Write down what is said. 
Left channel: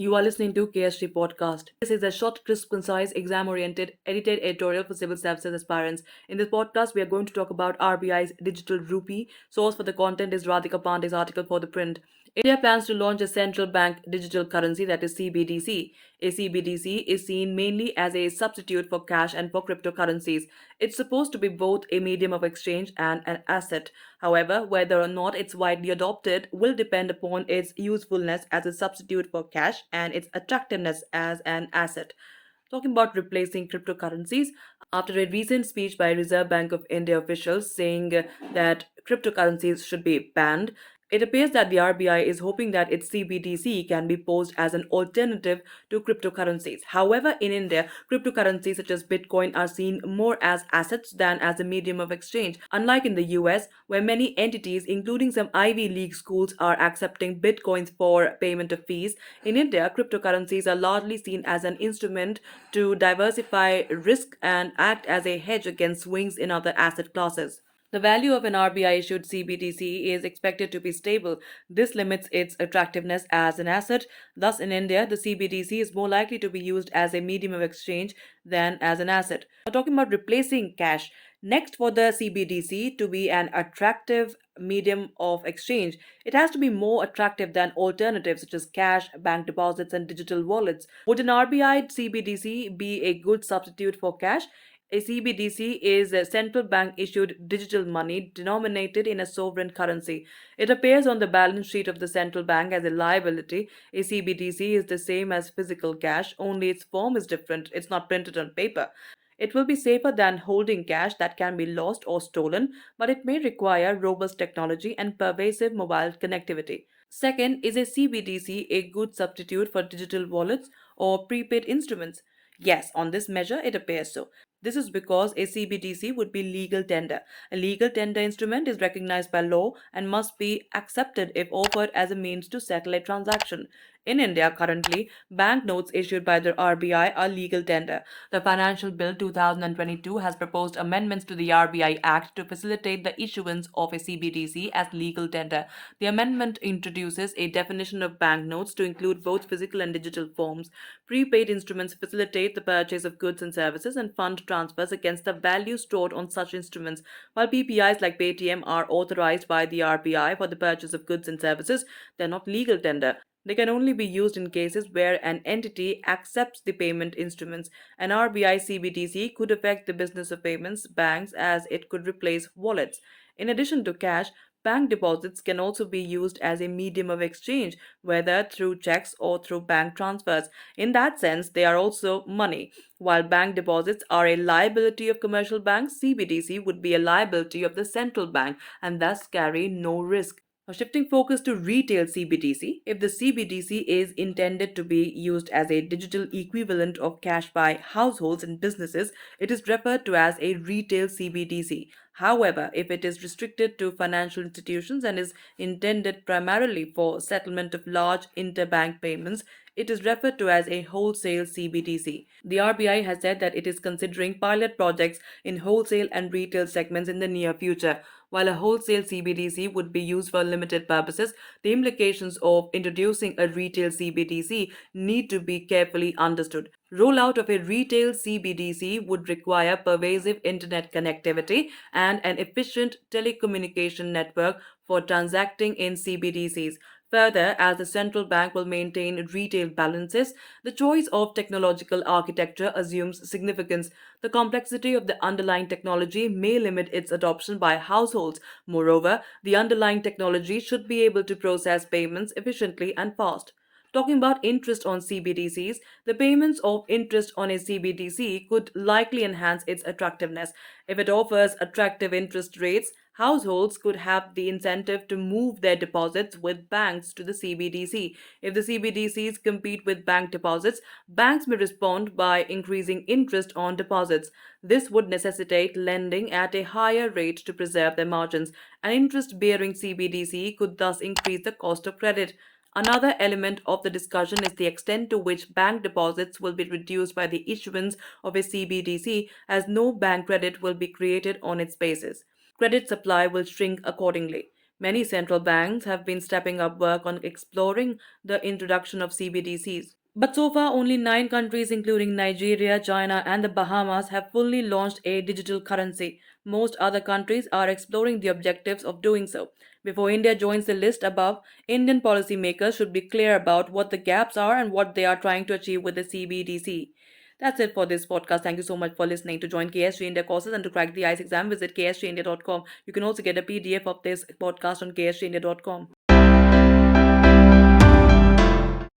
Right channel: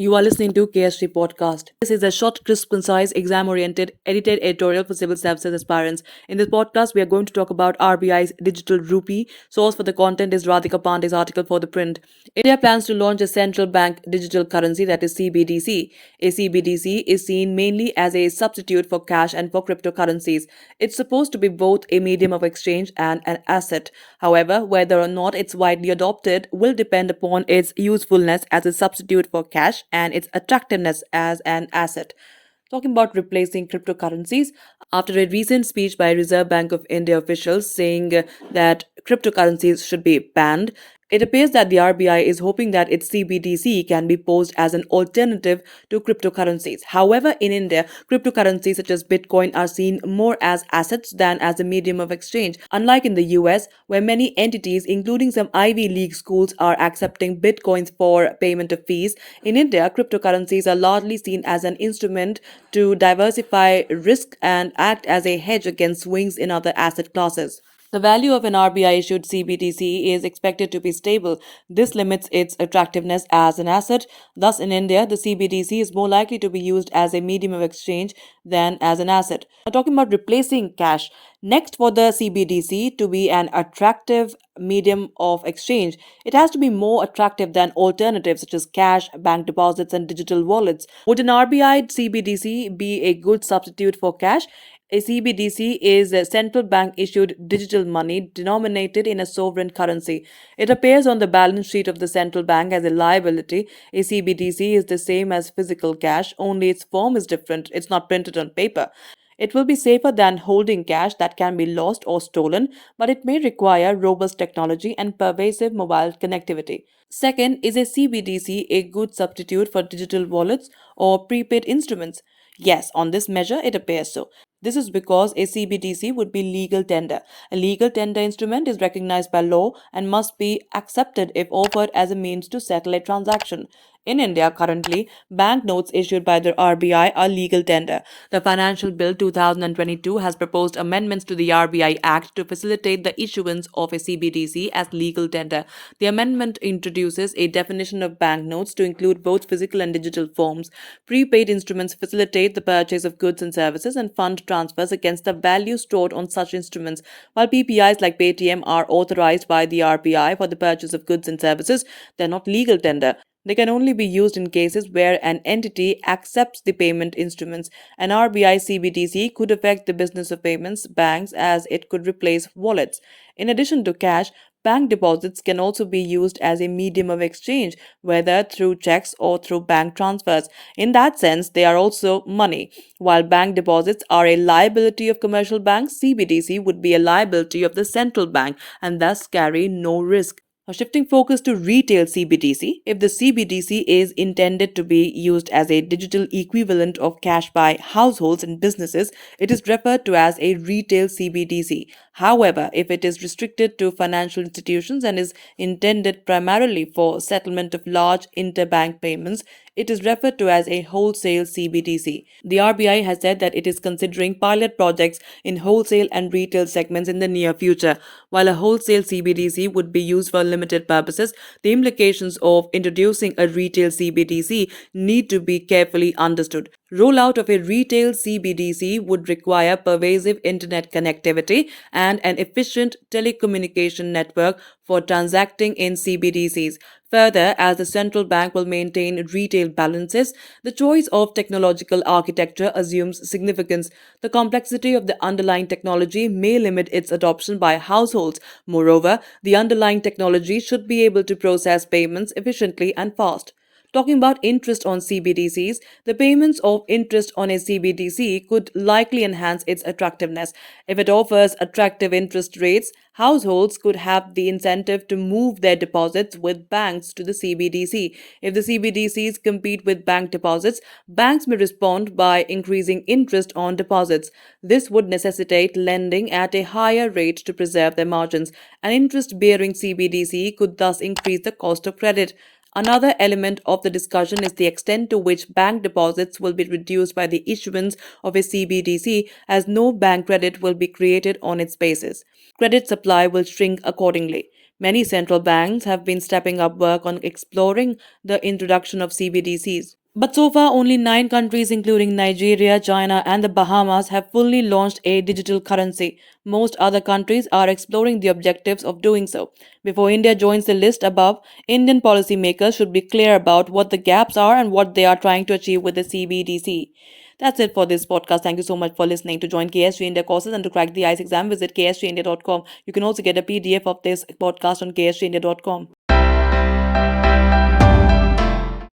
You are listening to KSG Podcast. This is a short, crisp, concise, exam-oriented, edited editorial for civil services aspirants. In this podcast, we are going to talk about RBI's digital rupee. Source for the content is Radhika Pandey's article for the print. India plans to launch a central bank digital currency, that is CBDC. A CBDC is seen mainly as a substitute for cash and for cryptocurrencies. It's supposed to be both a medium of exchange and an asset. However, whether or not it's widely adopted will depend upon its usefulness as a substitute for cash and its attractiveness as an asset. Talking about replacing cryptocurrencies, after a recent speech by Reserve Bank of India officials saying that cryptocurrencies should be banned, it appears that the RBI is hoping that its CBDC can be posed as an alternative to cryptocurrencies. However, in India, cryptocurrencies such as Bitcoin are seen more as assets than as a medium of exchange. Unlike in the US, where many entities, including some Ivy League schools, are accepting Bitcoins for payment of fees, in India, cryptocurrencies are largely seen as an instrument to diversify risk and act as a hedge against swings in other asset classes. The value of an RBI issued CBDC is expected to be stable. This limits its attractiveness as an asset. Thus, in India, the CBDC is more likely to be used as a medium of exchange than as an asset. Now, talking about replacing cash, next for the CBDC to be an attractive medium of exchange, it has to be more attractive than alternatives such as cash, bank deposits, and digital wallets. Would an RBI CBDC be a good substitute for cash? A CBDC is a central bank issued digital money denominated in a sovereign currency. It appears on the balance sheet of the central bank as a liability. A CBDC is the same as physical cash, only its form is different. It's not printed on paper. It will be safer than holding cash that can be lost or stolen, but it may require robust technology and pervasive mobile connectivity. Second, is a CBDC a good substitute for digital wallets or prepaid instruments? Yes, on this measure, it appears so. This is because a CBDC would be legal tender. A legal tender instrument is recognized by law and must be accepted if offered as a means to settle a transaction. In India, currently, banknotes issued by the RBI are legal tender. The Financial Bill 2022 has proposed amendments to the RBI Act to facilitate the issuance of a CBDC as legal tender. The amendment introduces a definition of banknotes to include both physical and digital forms. Prepaid instruments facilitate the purchase of goods and services and fund transfers against the value stored on such instruments, while PPIs like Paytm are authorized by the RBI for the purchase of goods and services. They are not legal tender. They can only be used in cases where an entity accepts the payment instruments. An RBI CBDC could affect the business of payments banks as it could replace wallets. In addition to cash, bank deposits can also be used as a medium of exchange, whether through checks or through bank transfers. In that sense, they are also money. While bank deposits are a liability of commercial banks, CBDC would be a liability of the central bank and thus carry no risk. Now, shifting focus to retail CBDC, if the CBDC is intended to be used as a digital equivalent of cash by households and businesses, it is referred to as a retail CBDC. However, if it is restricted to financial institutions and is intended primarily for settlement of large interbank payments, it is referred to as a wholesale CBDC. The RBI has said that it is considering pilot projects in wholesale and retail segments in the near future. While a wholesale CBDC would be used for limited purposes, the implications of introducing a retail CBDC need to be carefully understood. Rollout of a retail CBDC would require pervasive internet connectivity and an efficient telecommunication network for transacting in CBDCs. Further, as the central bank will maintain retail balances, the choice of technological architecture assumes significance. The complexity of the underlying technology may limit its adoption by households. Moreover, the underlying technology should be able to process payments efficiently and fast. Talking about interest on CBDCs, the payments of interest on a CBDC could likely enhance its attractiveness. If it offers attractive interest rates, households could have the incentive to move their deposits with banks to the CBDC. If the CBDCs compete with bank deposits, banks may respond by increasing interest on deposits. This would necessitate lending at a higher rate to preserve their margins. An interest bearing CBDC could thus increase the cost of credit. Another element of the discussion is the extent to which bank deposits will be reduced by the issuance of a CBDC, as no bank credit will be created on its basis. Credit supply will shrink accordingly. Many central banks have been stepping up work on exploring the introduction of CBDCs. But so far, only 9 countries, including Nigeria, China, and the Bahamas, have fully launched a digital currency. Most other countries are exploring the objectives of doing so. Before India joins the list above, Indian policymakers should be clear about what the gaps are and what they are trying to achieve with the CBDC. That's it for this podcast. Thank you so much for listening. To join KSG India courses and to crack the ICE exam, visit ksgindia.com. You can also get a PDF of this podcast on ksgindia.com.